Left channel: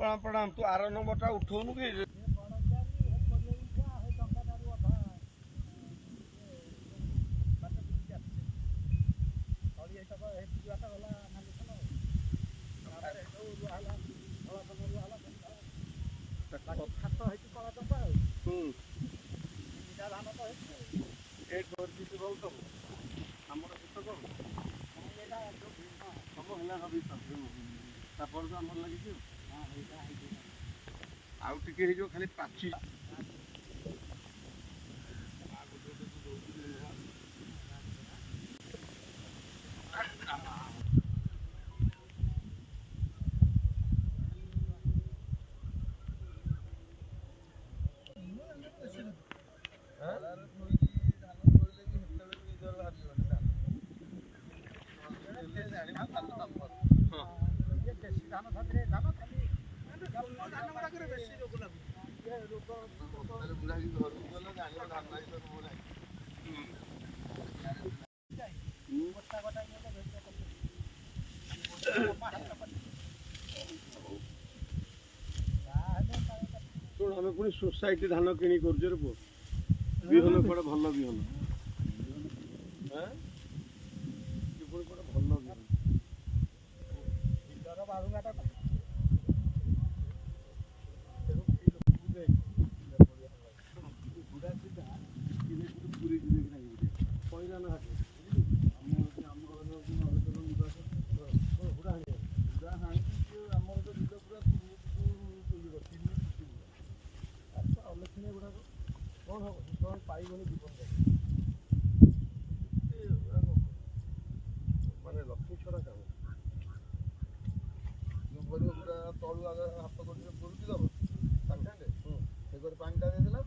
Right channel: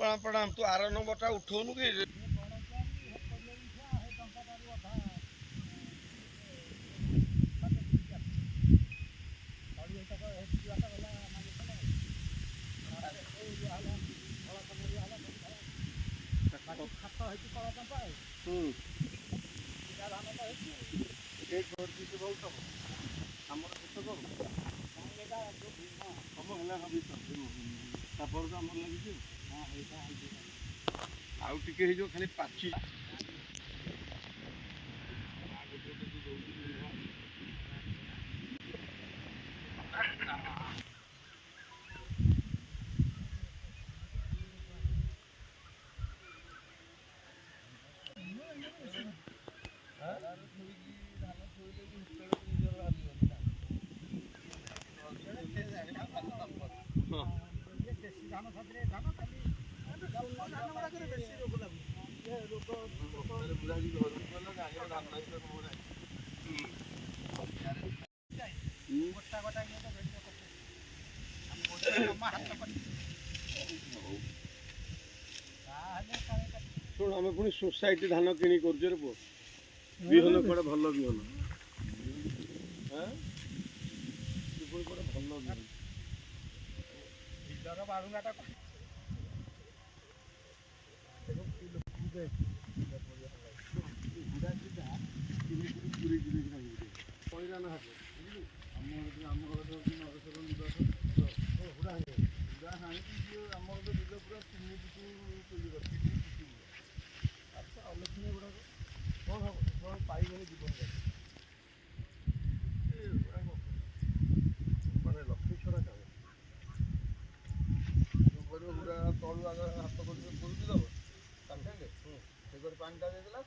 प्रणाम प्रणाम। तू आर नंबरटा उठौनु कि आउ टिके हे जो खाली पाची शुण आम पुणी सोसाइटी धान किणी कर पु विहन कड़े भल विहन भल पाइबनी जीवन मानने लक्ष्मी छड़ा काम तलू आगे हाथ कर दब सागे सागे पानी टा देदेला